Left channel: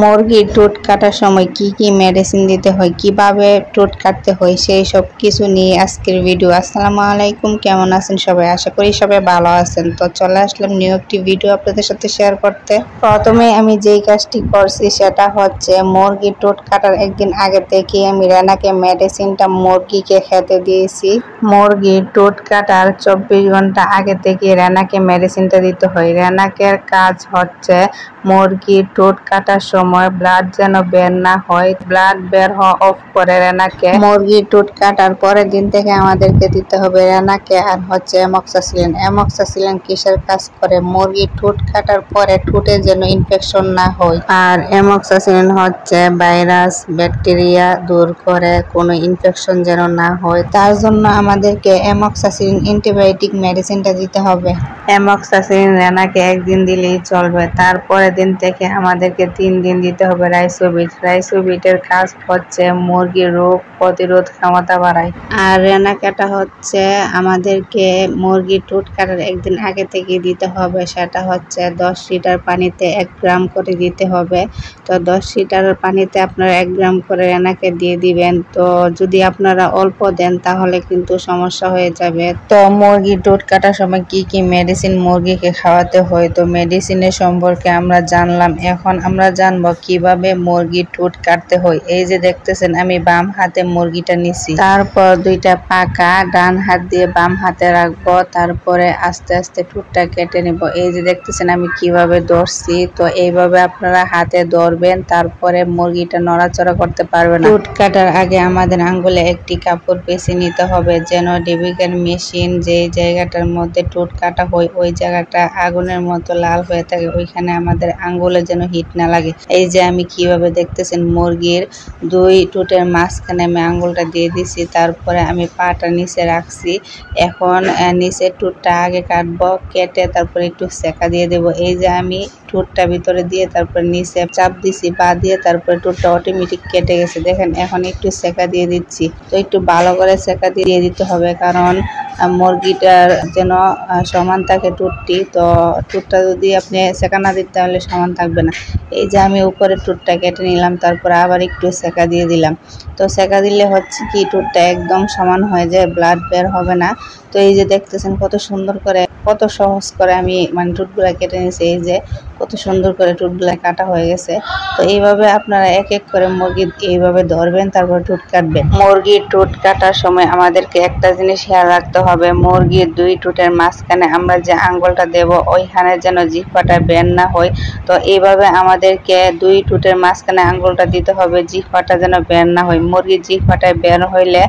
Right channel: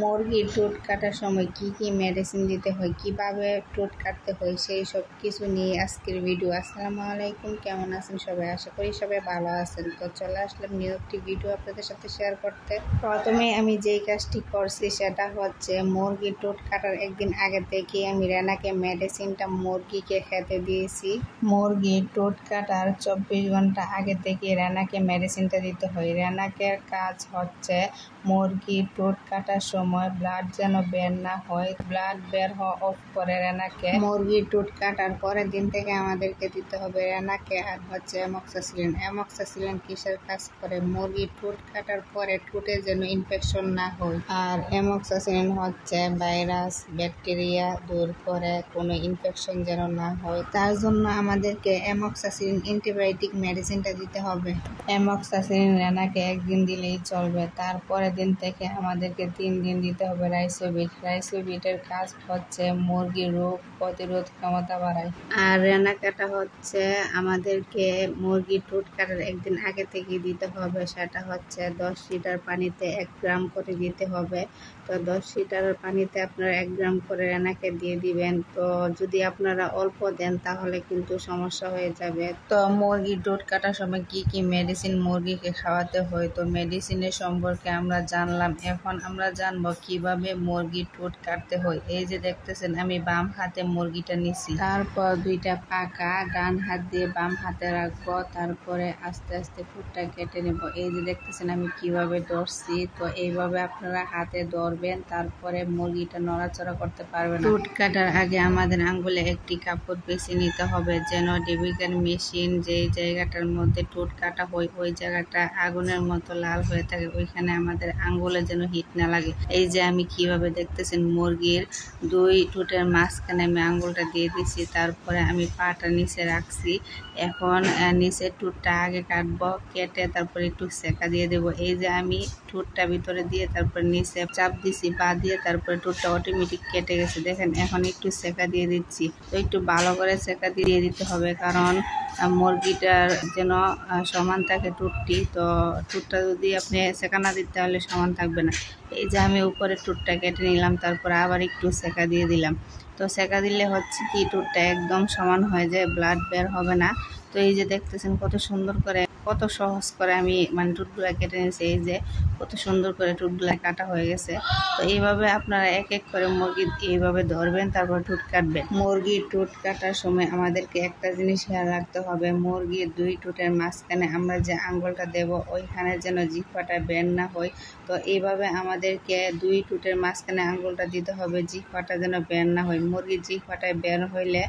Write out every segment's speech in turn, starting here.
মুরগির ঠোঁট কাটার সময় কি কি মেডিসিন দিতে হয়, কিভাবে ঠোঁট কাটতে হয়, সেই সব কিছু নিয়ে আজকের ভিডিও। আসসালামু আলাইকুম, কেমন আছেন সবাই? আশা করি সবাই ভালো আছেন। তো চলে আসলাম নিউ একটি ভিডিও আপনাদের সাথে শেয়ার করতে। প্রথমে আমি যেই কাজটি করছি সেটা হচ্ছে মুরগির ঠোঁট কাটার একদিন আগে থেকে আমি রানাকে মেডিসিনটা মুরগিকে খেতে দিয়েছি। মুরগির ঠোঁট কাটার 24 ঘন্টা আগে থেকে রানাকে মেডিসিনটা দিতে হয়। রানাকের কাজ হচ্ছে মুরগির ঠোঁট কাটার সময় ব্লাড যেন বের না হয়, ব্লাড বের হওয়া অফ করে রানাকে। মুরগির ঠোঁট কাটার পরের দিন থেকে আমাদেরকে দিতে হবে রানাকে আর হচ্ছে অ্যামক্সাসিলিন। অ্যামক্সাসিলিন কিসের কাজ করে? মুরগির ঠোঁট কাটার পরে ঠোঁটে যেন ইনফেকশন না হয়। আর অ্যামক্সাসিলিন হচ্ছে ভাইরাস ব্যাকটেরিয়া দূর করে, কোনো ইনফেকশন যেন না হয়, তার জন্য আমাদেরকে অ্যামক্সাসিলিন অ্যান্টিবায়োটিক মেডিসিনটা দিতে হবে। অ্যামক্সাসিলিন রানাকে একদিন দিলেই চলবে, তারপরে দিন থেকে আমাদেরকে 3 দিন দিতে হবে রাইসোবিট। রাইসোবিটের কাজ হচ্ছে মুরগির রোগ প্রতিরোধ ক্ষমতা বাড়ায়। আর রানা কাটা হচ্ছে আমাদেরকে মুরগির ঠোঁট কাটার একদিন আগে থেকে দিতে হবে। সেটা হচ্ছে 10 লিটার পানিতে 1 গ্রাম করে দিতে হবে। তো 10 লিটার পানিতে আপনারা 1 গ্রাম করে রানাকে দিয়ে দিবেন। তো যদি আপনারা অল্প দেন তাহলে কিন্তু সমস্যা হয়ে যাবে। তো মুরগির ঠোঁট কাটার সময় কি কি মেডিসিন মুরগিকে খাওয়াতে হয়, তো মেডিসিনের সম্পর্কে আমরা জানলাম। এখন আমরা জানবো কিভাবে মুরগির ঠোঁট কাটতে হয়। এই যে দেখতেছেন আমি বাম হাতে মুরগিটা নিছি, তারপর 2টা পাকা ডান হাত দিয়ে বাম হাতে রাখবো, তারপরে আস্তে আস্তে ঠোঁটটা কেটে নিব। এই যে দেখতেছেন আমি কিভাবে ধরছি, তো এইভাবে আপনারা হাতে ধরবেন, তারপরে মুরগিটা নড়াচড়া করতে পারবে না। ঠোঁট কাটার আগে আমাদের আঙ্গুলে একটি কাপড় পেঁচিয়ে নিতে হবে, যেন ডেবিকেন মেশিন যে জায়গাটার মধ্যে ঠোঁট কাটা হয় ওই জায়গাটা আগুনের মতো লাল হয়ে থাকে, ওইখানে আমাদের আঙ্গুলে যেন হিট না লাগে। এই যে আমি কিভাবে দেখতেছেন মুরগির 2 ঠোঁটের মাঝখানে আমি আঙ্গুলটা দিয়ে দিছি, তারপরে আমি পাটা নিচে রাখছি। এখন নিচের ঠোঁটটা আগে কাটবো, কেটে তারপরে একটু সেকা দিয়ে দেব। এই যে আমি ঠোঁটটা ভিতরে দিয়ে তারপর নিচে চাপ দিছি পা দিয়ে, তারপরে ঠোঁটটা অটোমেটিক কেটে গেছে। দেখেন এখন একটু সেকা দিয়ে দিচ্ছি। তো একটু ভালো করে সেকা দিয়ে দিতে হবে, কারণ মুরগিটার যেন সমান থাকে ঠোঁটটি। তো ঠোঁটটা যদি আপনি সেকা না দিতে তাহলে সমান থাকবে না। এই যে আমি উপরে ঠোঁটটা কেটে নিলাম, তারপর আবার একটু সেকা দিয়ে দিলাম। তো সেকা দিলে হচ্ছে কি ঠোঁটটা একদম সমান হয়ে যায়, ব্লাড বের হবে না। তো এই যে দেখতেছেন কত সুন্দর করে, কত সহজ করে আমি ঠোঁটগুলা কেটে নিয়েছি। এই যে কত সুন্দর করে ঠোঁটগুলা কাটা হয়ে গেছে। তো এইভাবে আপনারা এক এক করে মুরগি এইভাবে ধরবেন, তারপর ঠোঁট কাটবেন। মুরগির ঠোঁট কাটার সময় আমাদেরকে একটা জিনিস খেয়াল রাখতে হবে, মুরগির 2 ঠোঁটের মাঝখানে আমরা যে আঙ্গুলটা দেব ওইখানে যেন জিহ্বাটা বের না হয়। তো এইভাবে আমাদেরকে 2 ঠোঁটের মাঝখানে আঙ্গুলটা দিতে হবে, জিহ্বাটা যেন বের না হয়। মুরগির জিহ্বাটায় বের হইলে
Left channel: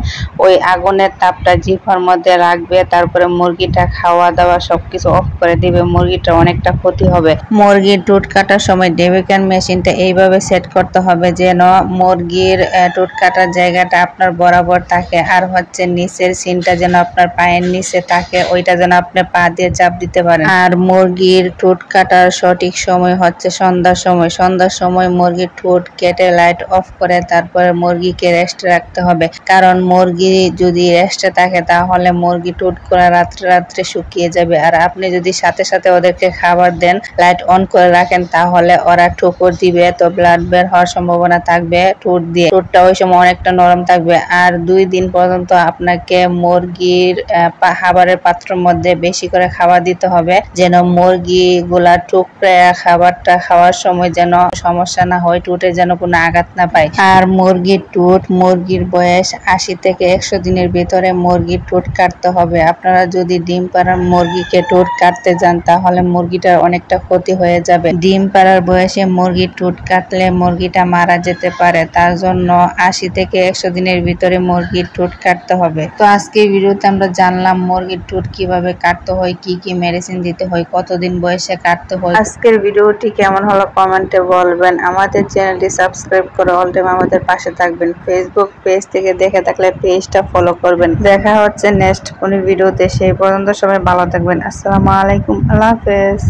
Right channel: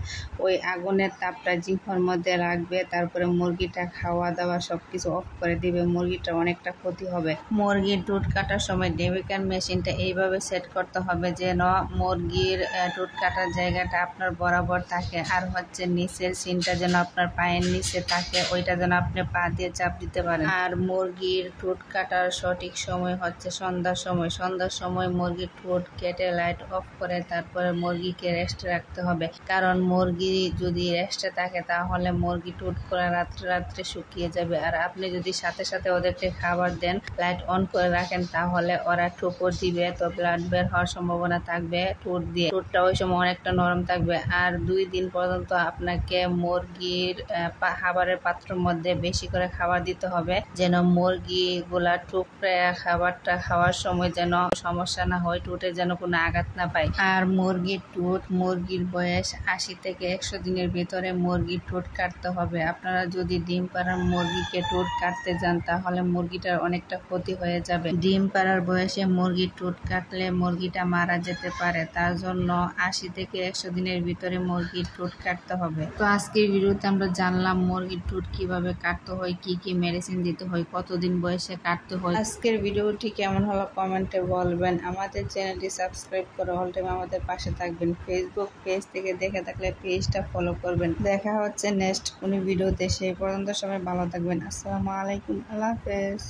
ওই আগুনের তাপটা জিহ্বার মধ্যে রাখবে, তারপরে মুরগিটা খাওয়া দাওয়া সবকিছু অফ করে দিবে, মুরগিটা অনেকটা ক্ষতি হবে। মুরগির ঠোঁট কাটার সময় ডেবিকেন মেশিনটা এইভাবে সেট করতে হবে যেন মুরগির ঠোঁট কাটার জায়গাটা আপনার বরাবর থাকে, আর হচ্ছে নিচের সিনটা যেন আপনার পায়ের নিচে থাকে, ওইটা যেন আপনি পা দিয়ে চাপ দিতে পারেন। আর মুরগির ঠোঁট কাটার সঠিক সময় হচ্ছে সন্ধ্যার সময়। সন্ধ্যার সময় মুরগির ঠোঁট কেটে লাইট অফ করে তারপরে মুরগিকে রেস্টে রাখতে হবে, কারণ মুরগি যদি রেস্টে থাকে তাহলে মুরগি ঠোঁট করে রাত্রে রাত্রে শুকিয়ে যাবে। আর আপনি যদি সাথে সাথে ওদেরকে খাবার দেন, লাইট অন করে রাখেন, তাহলে ওরা ঠোকর দিবে, তো ব্লাড বের হওয়ার সম্ভাবনা থাকবে ঠোঁট দিয়ে। ঠোঁটটা ওই সময় অনেকটা নরম থাকবে। আর 2 দিন পর্যন্ত আপনাকে মুরগির খাবারের পাত্রের মধ্যে বেশি করে খাবার দিতে হবে, যেন মুরগিগুলা ঠোকরে খাবারটা খাওয়ার সময় যেন সমস্যা না হয়, ঠোঁটে যেন কোনো আঘাত না পায়। আর মুরগির ঠোঁট, মুরগির বয়স 80 থেকে 100 দিনের ভিতরে মুরগির ঠোঁট কাটতে হবে। আপনারা যদি ডিম পাড়ার মুরগিকে ঠোঁট কাটতে যান তাহলে মুরগিটার অনেকটা ক্ষতি হয়ে যাবে। ডিম পাড়ার বয়সে মুরগির ঠোঁট কাটলে মুরগিটা মারা যেতে পারে, তার জন্য 80 থেকে 100 দিনের ভিতরে মুরগির ঠোঁট কাটতে হবে। তো আজকে ভিডিওতে আমরা জানলাম মুরগির ঠোঁট কিভাবে কাটতে হয়, কি কি মেডিসিন দিতে হয়, কতদিন বয়সে কাটতে হয়। আজকের ভিডিওটি কেমন হলো কমেন্টে বলবেন। আমাদের চ্যানেলটি সাবস্ক্রাইব করে অল টাইম আমাদের পাশে থাকবেন। ফেসবুক পেজ থেকে দেখে থাকলে পেজটা ফলো করবেন। দেখা হচ্ছে নেক্সট কোনো ভিডিওতে, সেই পর্যন্ত সবাই ভালো থাকবেন। আসসালামু আলাইকুম, আল্লাহ হাফেজ।